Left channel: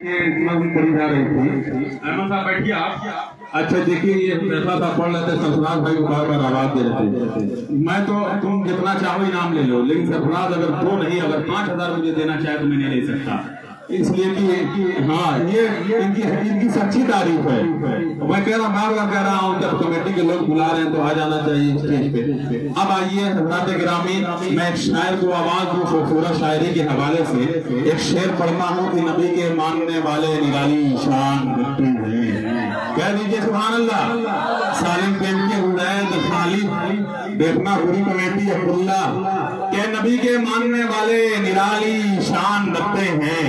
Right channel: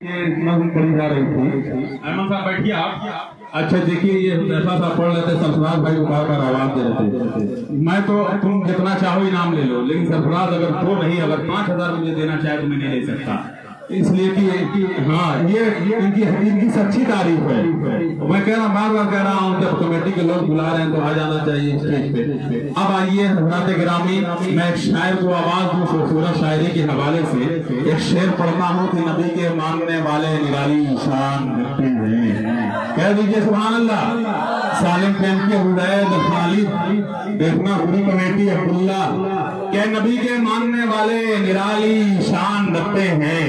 पढ़ी जा रही थी। अहमद साहब बैठिए आप। अच्छा देखिए, ये ऐसा सा पढ़ लेते, सरफराज भाई को बार बार आवाज दे रहे थे। मैं तो तुम जितना चाहो इनाम ले लो, लेकिन सरफराज अगर दो नहीं, अगर 5,000 रुपये देना चाहे तो मैं नहीं ले सकता, इसलिए कि हाँ ये इनकी सच्ची तारीफ है। मैं कह रहा बार बार कह रहा हूँ, जब कमेटी के लोग बुला रहे हैं तो आ जाना चाहिए स्टेज पे। अब आइए हजरात गिरामी, मैं एक शायर को आवाज दूं खूबसूरत शायरी के हवाले से। एक शेर पढ़ता हूँ कि नबी के मानने वाले निराली शान करते हैं। कह दीजिए सुभान अल्लाह। सालिम पेन के हुदैद खालिद देखना पूरी कमेटी अब्दुल्ला के नबी के मानने वाले निराली शान रखते हैं।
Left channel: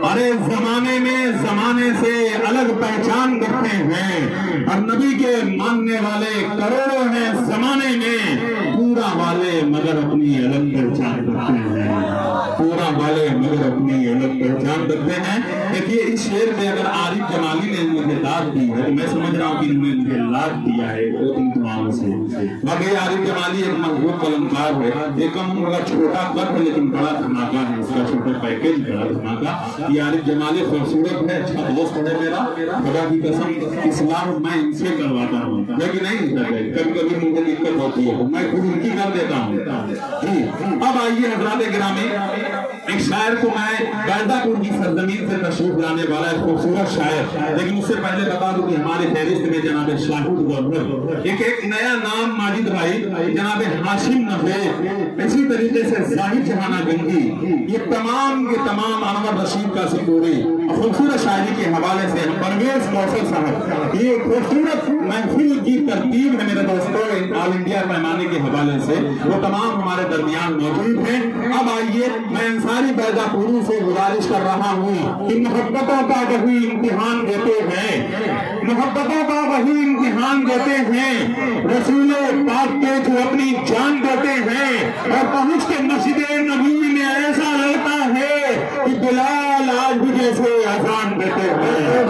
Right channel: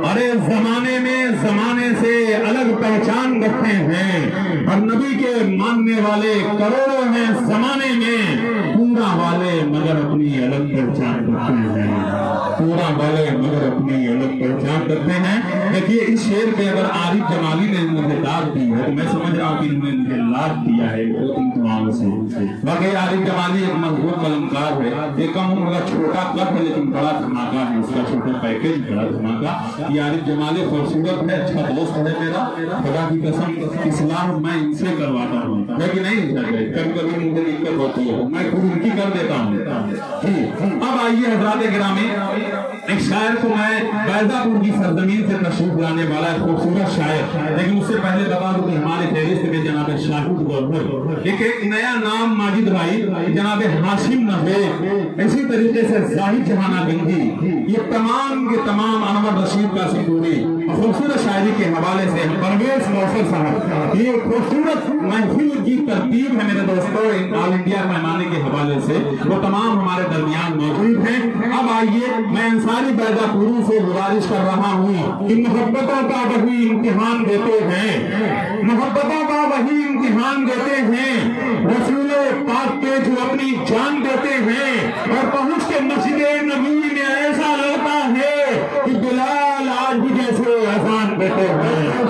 अरे जमाने से अलग पहचान रखते हैं, और नबी के मानने वाले करोड़ों हैं जमाने में, पूरा वाले मगर अपनी अलग पहचान रखते हैं, पूरा वाले मगर अपनी अलग पहचान रखते हैं। देखिए इस शेर में अगर आरिफ जमाली ने मुझे दाद दी है तो मैं समझ रहा हूँ कि उन्होंने मुझे लाभ दिया है इन तमामों से। बाकी आरिफ जमाली एक मजबूत कलमकार है, एक कम उम्र छोटा कद है लेकिन बड़ा धमाका है उसका, छोटा पैकेज बड़ा धमाका। ये आरिफ जमाली खूबसूरत है, अच्छा दोस्त है मेरा, खुदा की कसम इस्लाम मैं इनसे करवाता हूँ, लेकिन नहीं कभी कभी मुझे दिक्कत होती है, मैं खुद उनकी कर देता हूँ जी। अब आइए हजरात गिरामी, एक शायर को मैं बैदापुर की सरजमीन से तशरीफ लाने वाला एक खूबसूरत शायर, लेकिन उससे पहले बता दूं कि हमारे फहरिस्त में जनाब शाहिद गवर्नर, एक नया नाम माजिद भाई, जनाब हाशिम नफे, इसी तरीके से जाहिद जहाना गंजी, ये तमाम के तमाम अनवर रशीद का सिपूरी खूबसूरत शायरी के हवाले से परवेज मौसर साहब, ये खूबसूरत महफिल की तरतीब है मेरे दोस्तों ऑल इंडिया पैमाने के हवाले से, वो तमाम हमारे दरमियान मौजूद हैं। अब आइए मैं अंसारी बैदापुरी से गुजारिश कर रहा हूँ कि मोहब्बतों का वही इम्तिहान देते हैं, मोहब्बतों का वही इम्तिहान देते हैं, रसूले पाक के जो अपनी जान देते हैं, और पहुँच के मस्जिदे नबी में ऐसा लगता है कि बिलाल आज भी जैसे अजान देते हैं,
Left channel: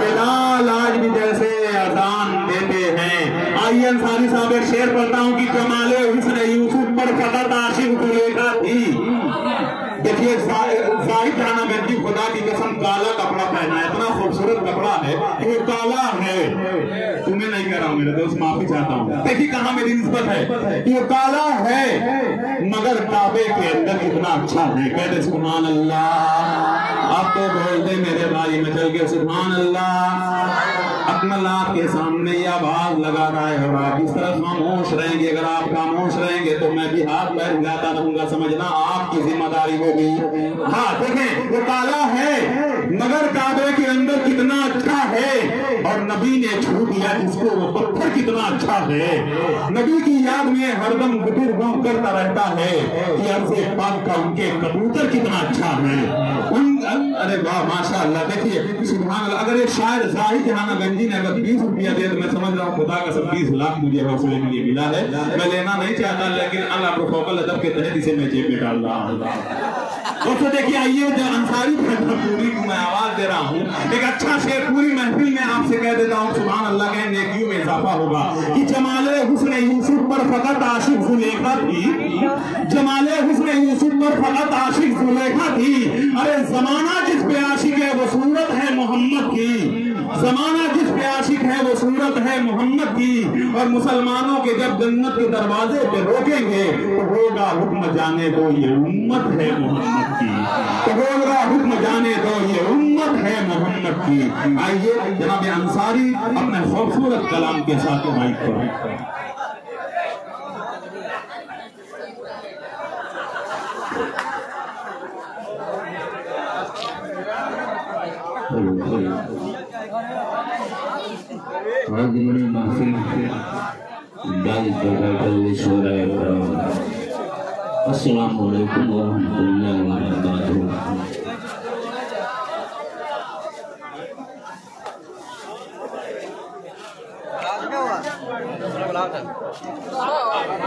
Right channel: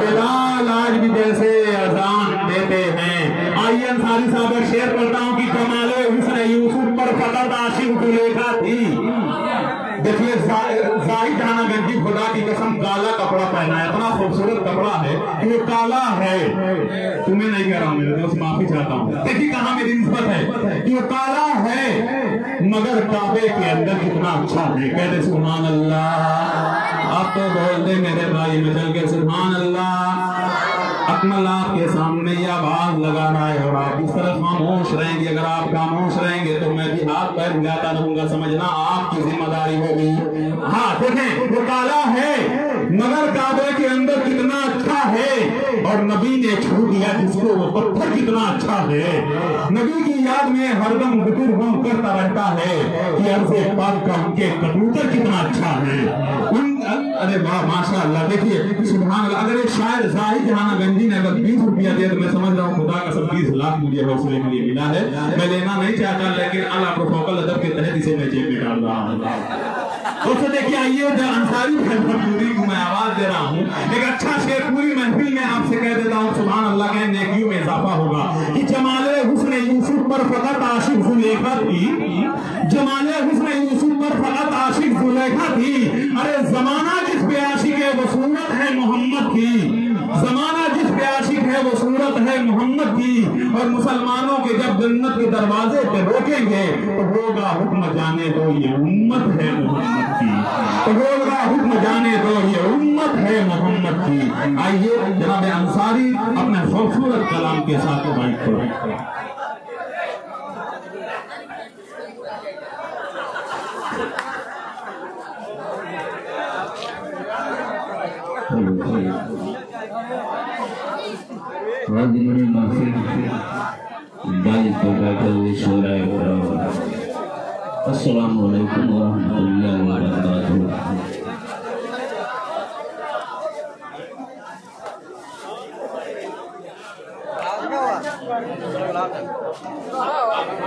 बिलाल आज भी जैसे अजान देते हैं। आइए अंसारी साहब एक शेर पढ़ता हूँ कि जमाले हुस्न यूसुफ पर फकत आशिक जुलेखा थी। देखिए जाहिद जहाना गंजी, खुदा की कसम काला कपड़ा पहना है, इतना खूबसूरत कपड़ा है कि वो काला है, तुम्हें नहीं कह रहा हूँ मेरे दोस्त, माफी चाहता हूँ। देखिए कहाँ मेरी निस्बत है कि वो काला है मगर काबे के अंदर कितना अच्छा है। कहते सुभान अल्लाह, आप तो बोल दे मेरे भाई नजर के सुभान अल्लाह। अपना लाभ के सामने ये आवाज लगाना है और आप इस तरह खामोश रहेंगे। अगर आप खामोश रहेंगे तो मैं भी हाथ पैर हिलाता रहूंगा, समझना आपकी जिम्मेदारी होगी। हाँ देखें, वो काला है मगर काबे के अंदर कितना अच्छा है, और नबी ने छू दिया जिसको वो पत्थर कितना अच्छा है। नबी की याद में हरदम गुटर बम करता रहता है कि अर्ज़े पाक का उनके कबूतर कितना अच्छा है। अरे वाह माशाअल्लाह। देखिए सुभान अल्लाह, अगर एक शायर जाहिद जहाना गंजी ने अगर 20 रुपया दिया तो मैं समझ रहा हूँ खुदा का सब 20 लाख मुझे हौसले में मिला है। मैं लेना नहीं चाहता, लेकिन अल्लाह प्रोटोकॉल अदब के तहत इसे मैं जेब में डाल रहा हूँ। उससे देखिए आइए अंसारी पूरी को मैं आवाज दे रहा हूँ, एक अच्छा शेर पूरी महफिल में आपसे कह देता हूँ सुभान अल्लाह के नेकियों में इजाफा होगा कि जमाले हुस्न यूसुफ पर फकत आशिक जुलेखा थी, जमाले हुस्न यूसुफ पर फकत आशिक जुलेखा थी। अरे जमाना जिस पे आशिक है वो सूरत है मोहम्मद की, जमाना जिस पे आशिक है वो सूरत है मोहम्मद की, और मुसलमानों के जब जन्नत के दरवाजे पे रोकेंगे तो होगा हुक्म जाने दो ये उम्मत है मोहम्मद की, तो होगा हुक्म जाने दो ये उम्मत है मोहम्मद की। आइए जनाब अंसारी अपने खूबसूरत कलाम के साथ माइक को अस्सलामु अलैकुम वरहमतुल्लाहि वबरकातुहू।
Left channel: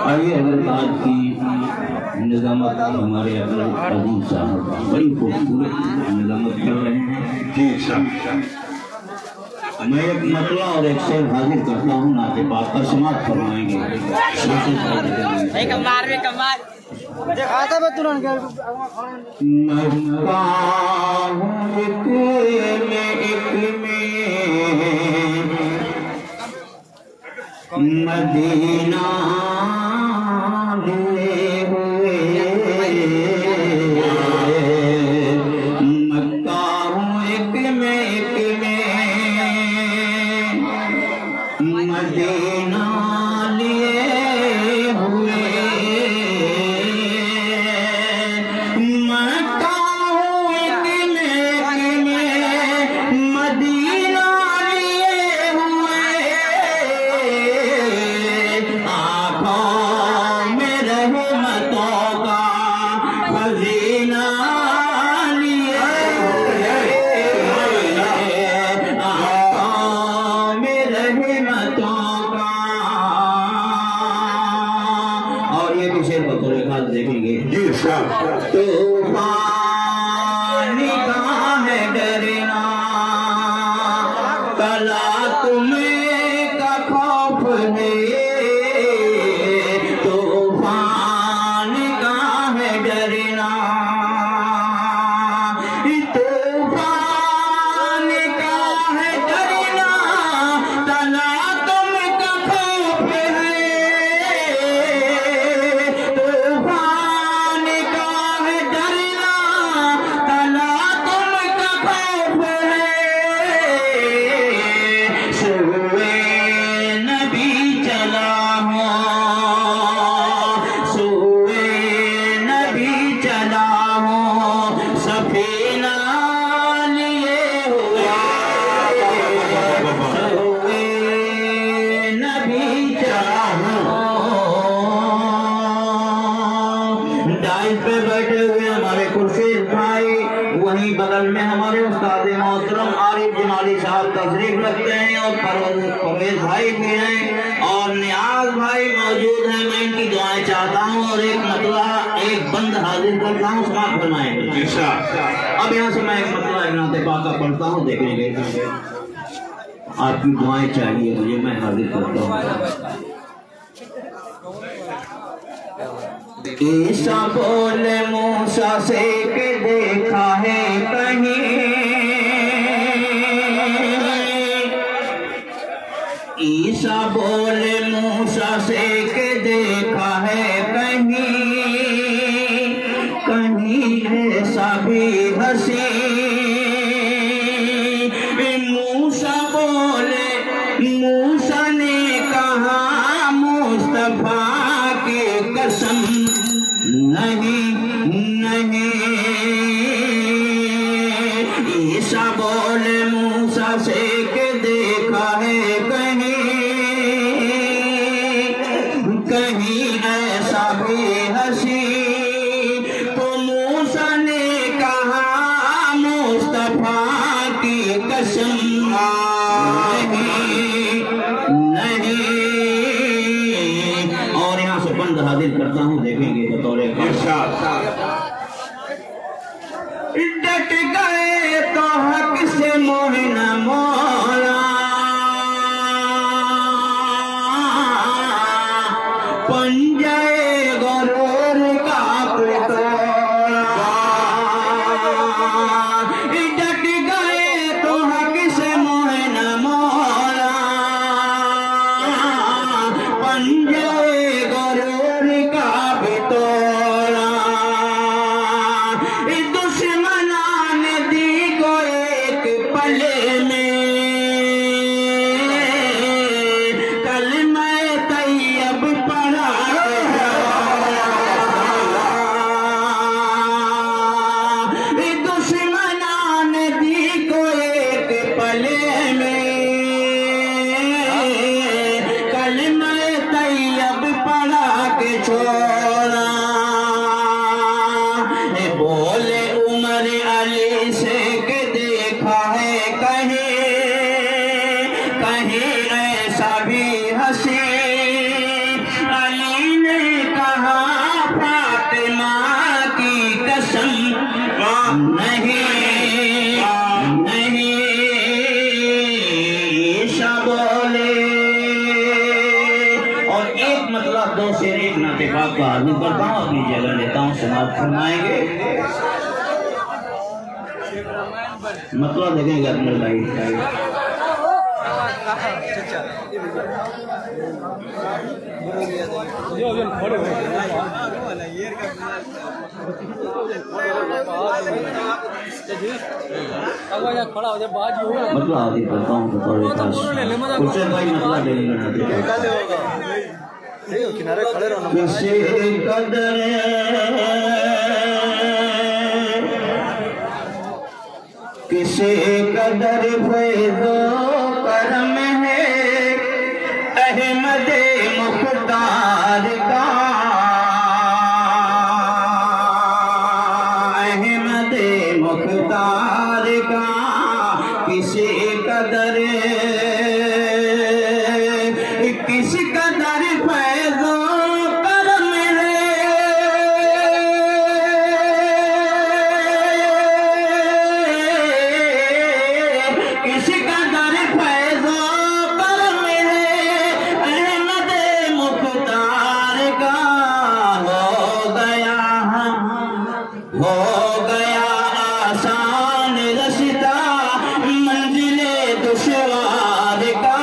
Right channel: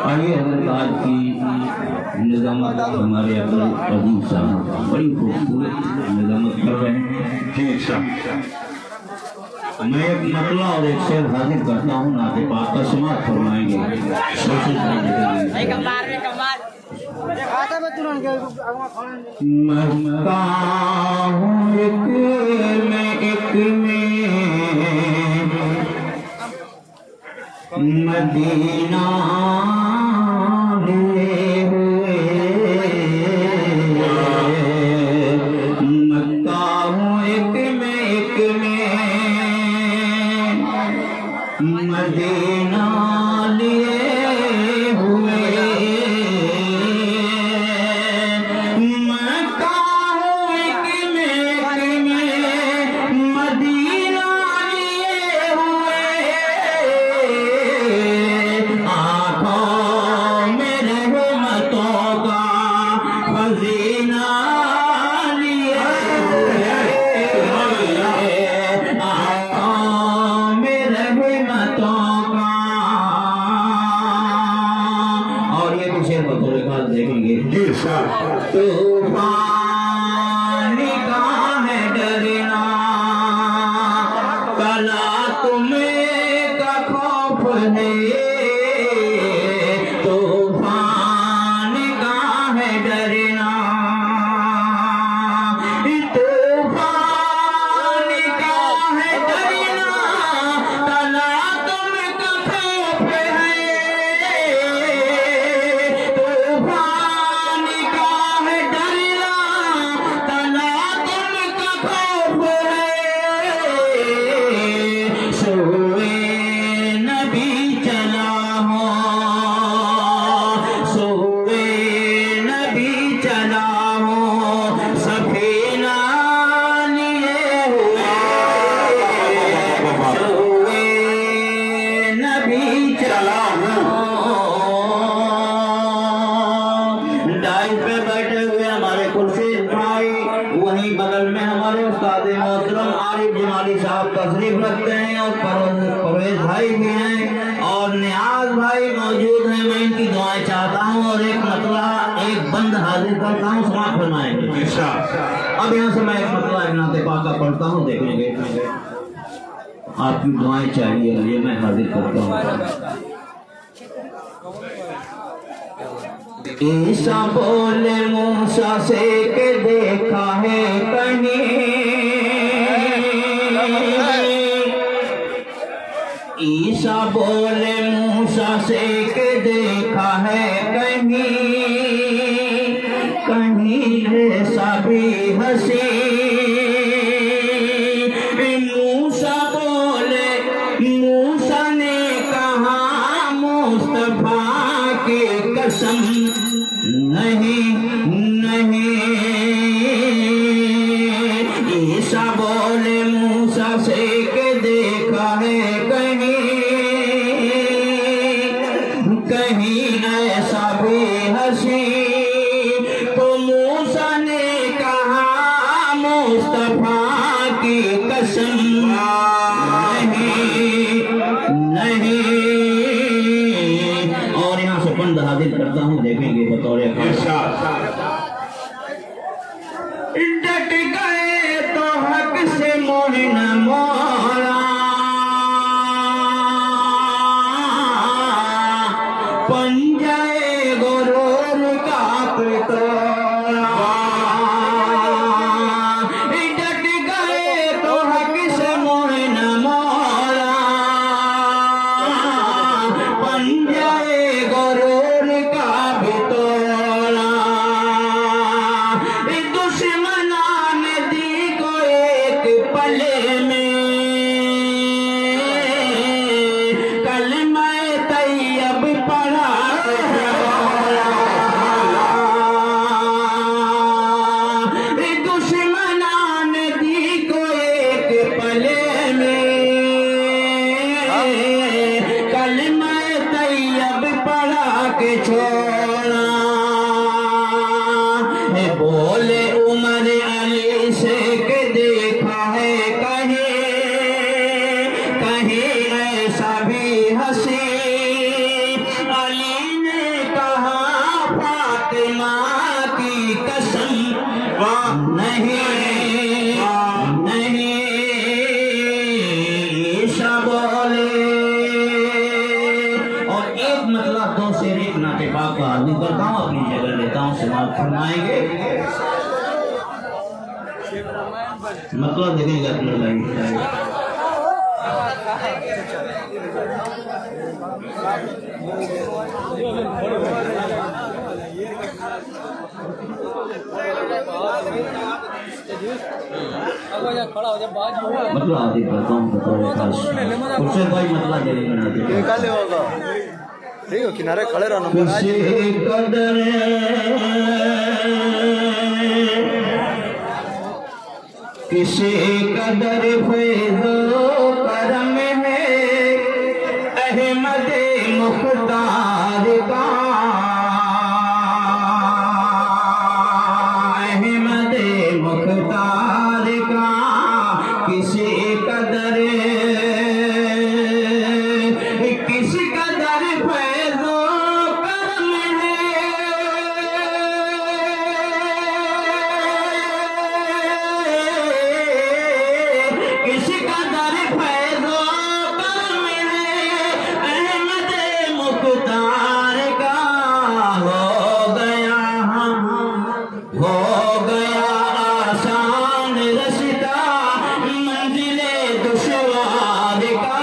आइए हजरत आज की निजामत हमारे अपने अजीज साहब बड़ी खूबसूरत निजामत कर रहे हैं जी। मैं एक नकला और एक शेर हाजिर करता हूँ, ना के बात का समाप्त फरमाएंगे। مدینہ لیے ہوئے مکہ ہوں ایک میں مدینہ لیے ہوئے مکہ ہوں ایک میں مدینہ لیے ہوئے آنکھوں میں رحمتوں کا خزینہ لیے ہوئے آنکھوں میں رحمتوں کا اور یہ بھی شعر بطور خاص دیکھیں گے طوفان کا ہے ڈرنا کلا تمہیں کا خوف ہے طوفان کا ہے ڈرنا طوفان کا ہے ڈرنا کلا تم کا خوف ہے طوفان کا ہے ڈرنا کلا تم کا خوف ہے سوئے نبی چلا ہوں سوئے نبی چلا ہوں سفینہ لیے ہوئے سوئے نبی چلا ہوں ڈائز پہ بیٹھے ہوئے ہمارے خورشید بھائی وہیں بغل میں ہمارے استاد محترم عارف جمالی صاحب تشریف رکھتے ہیں اور پرویز بھائی بھی ہیں اور نیاز بھائی موجود ہیں میں ان کی دعائیں چاہتا ہوں اور ایک مطلع ایک بند حاضر کرتا ہوں سماعت فرمائیں گے اب یہاں سے میں ایک مطلع نعت پاک کا پڑھتا ہوں دیکھیں گے آپ کی دعائیں چاہیے مجھے میں حاضر کرتا ہوں عیسیٰ بولے موسیٰ سے کہ دیکھا ہے کہیں عیسیٰ بولے موسیٰ سے کہ دیکھا ہے کہیں ایسا بھی ہنسی موسیٰ بولے موسیٰ نے کہا مصطفیٰ کی قسم نہیں عیسیٰ بولے موسیٰ سے کہ دیکھا ہے کہیں ایسا بھی ہنسی تو موسیٰ نے کہا مصطفیٰ کی قسم نہیں اور یہاں سے بند حاضر کرتا ہوں دیکھیں گے بطور ڈٹ گئے تو حق سے موہن مولا پنجے غرور کا پتوڑا ڈٹ گئے تو حق سے موہن मतलब देखेंगे अपने लाइफ मतलब आदि करता हूँ उससे भाई मतलब किनारे खड़े रहना किसी कदर फैज़ो करम है अहमद मुख्तार का अहमद मुख्तार का किसी कदर फैज़ो करम है किसी कदर फैज़ो करम है अहमद मुख्तार का हो गया आसान रस्ता मंजिले दुश्वार का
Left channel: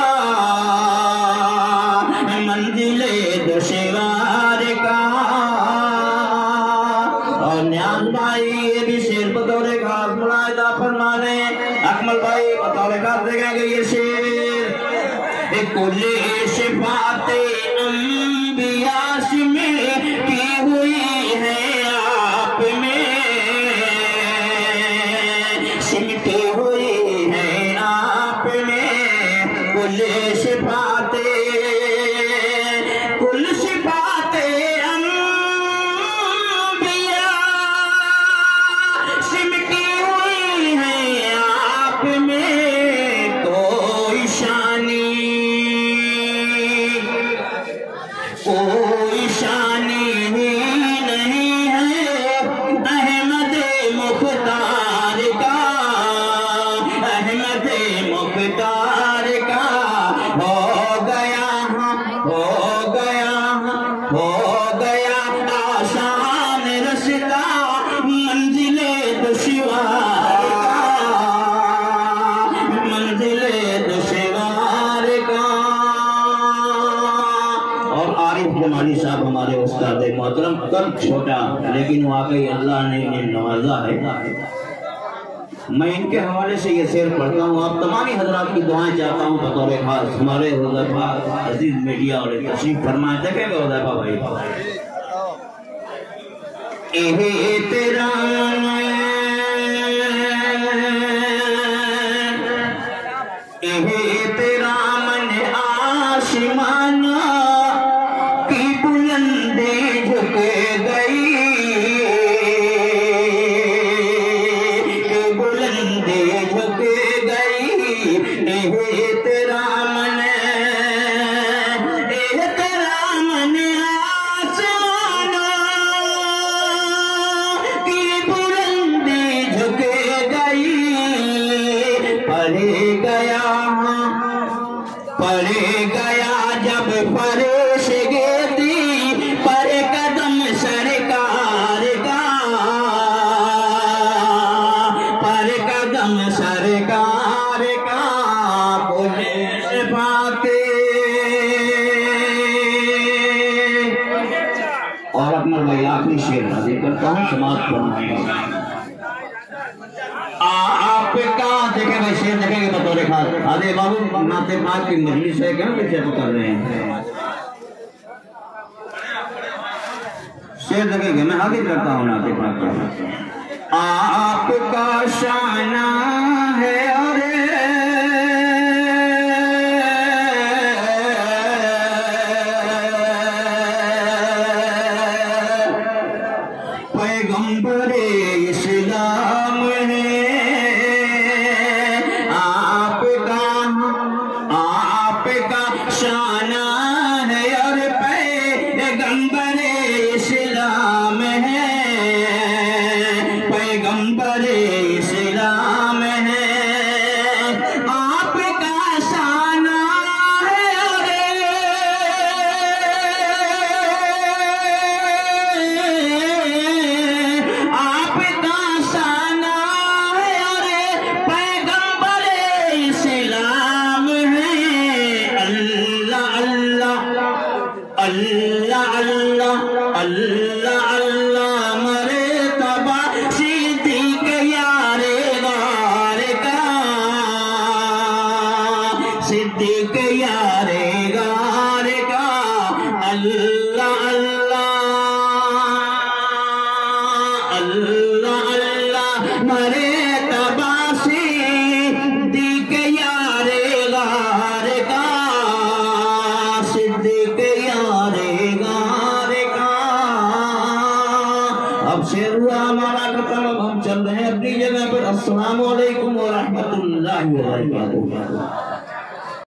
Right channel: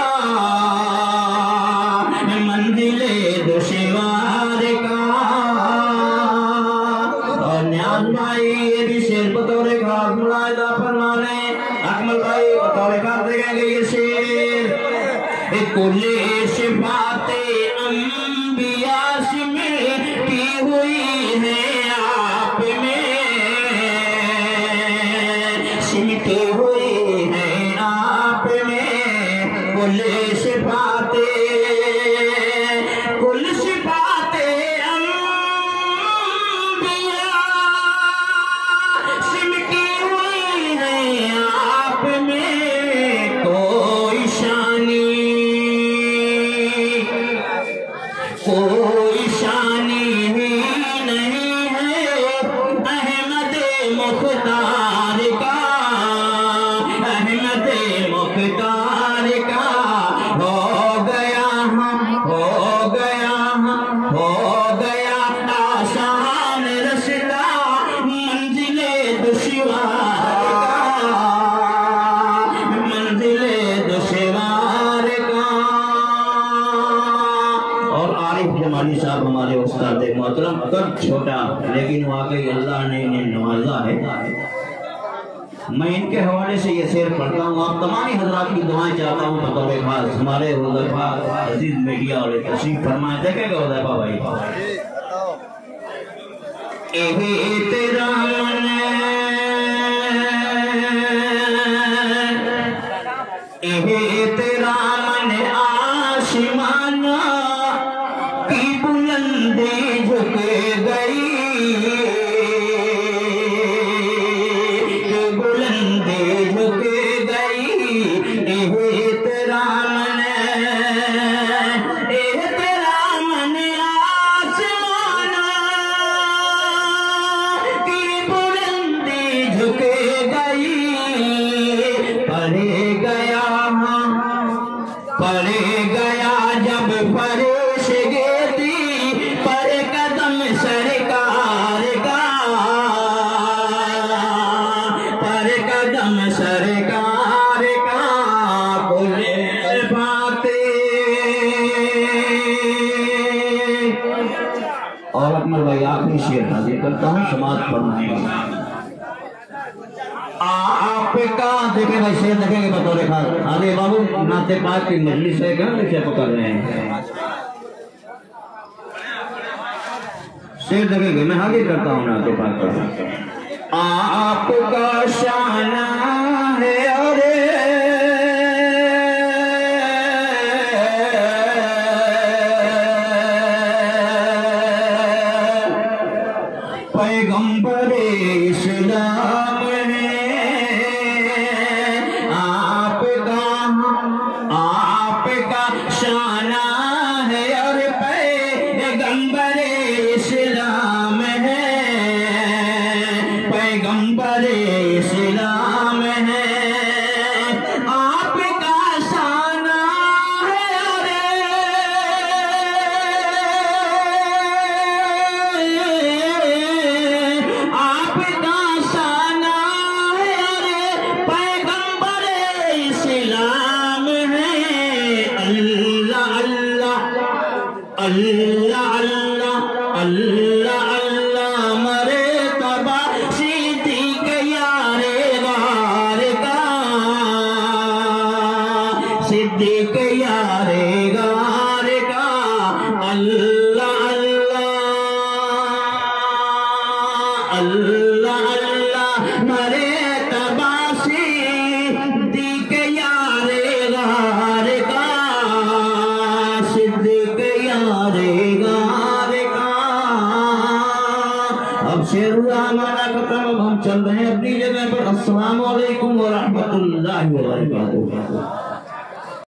मंजिले दुश्वार का और न्याज भाई ये भी शेर बतौर खास मुलाहिजा फरमाने अकमल भाई बतौर खास देखेंगे ये शेर कुल्ले सिफाते अंबिया में की हुई है आप में सिमटी हुई है आप में कुल सिफाते अंबिया सिमटी हुई है आप में कोई शानी ही नहीं है अहमद मुख्तार का अहमद मुख्तार का हो गया आसान रस्ता मंजिले दुश्वार का और आरिफ जमाली साहब हमारे उस्ताद मोहतरम कब छोटा लेकिन वाकई अल्लाह ने इन्हें नवाजा है। मैं इनके हवाले से ये शेर पढ़ता हूँ आप तमाम हजरात की दुआएं चाहता हूँ बतौर खास हमारे हुज़ैफा अजीज मीडिया वाले तशरीफ फरमाएं देखेंगे हुज़ैफा भाई तेरा मन आसमाना की बुलंदी झुक गई बुलंदी झुक गई तेरा मन आसमाना की बुलंदी झुक गई परे गया जब फरिश्ते थी पर कदम सरकार का बोले बातें और अकमल भाई आखिरी शेर हाजिर करता हूँ समाज फरमाएंगे आपका देखे भाई शेर देखेंगे बतौर खास अरे बाबू नाते पाक की मजलिस है क्या कैसे कर रहे हैं शेर देखेंगे मैं हाजिर करता हूँ नाते पाक का आपका शाना है और पैगंबर इस्लाम है आपका शाना है और पैगंबर इस्लाम है पैगंबर इस्लाम है اللہ اللہ مرے تباسی صدیق یار غار کا صدیق یار غار کا اب شیر ہمارا ختم ہم چل رہے ہیں اپنی جگہ پر السلام علیکم ورحمۃ اللہ وبرکاتہ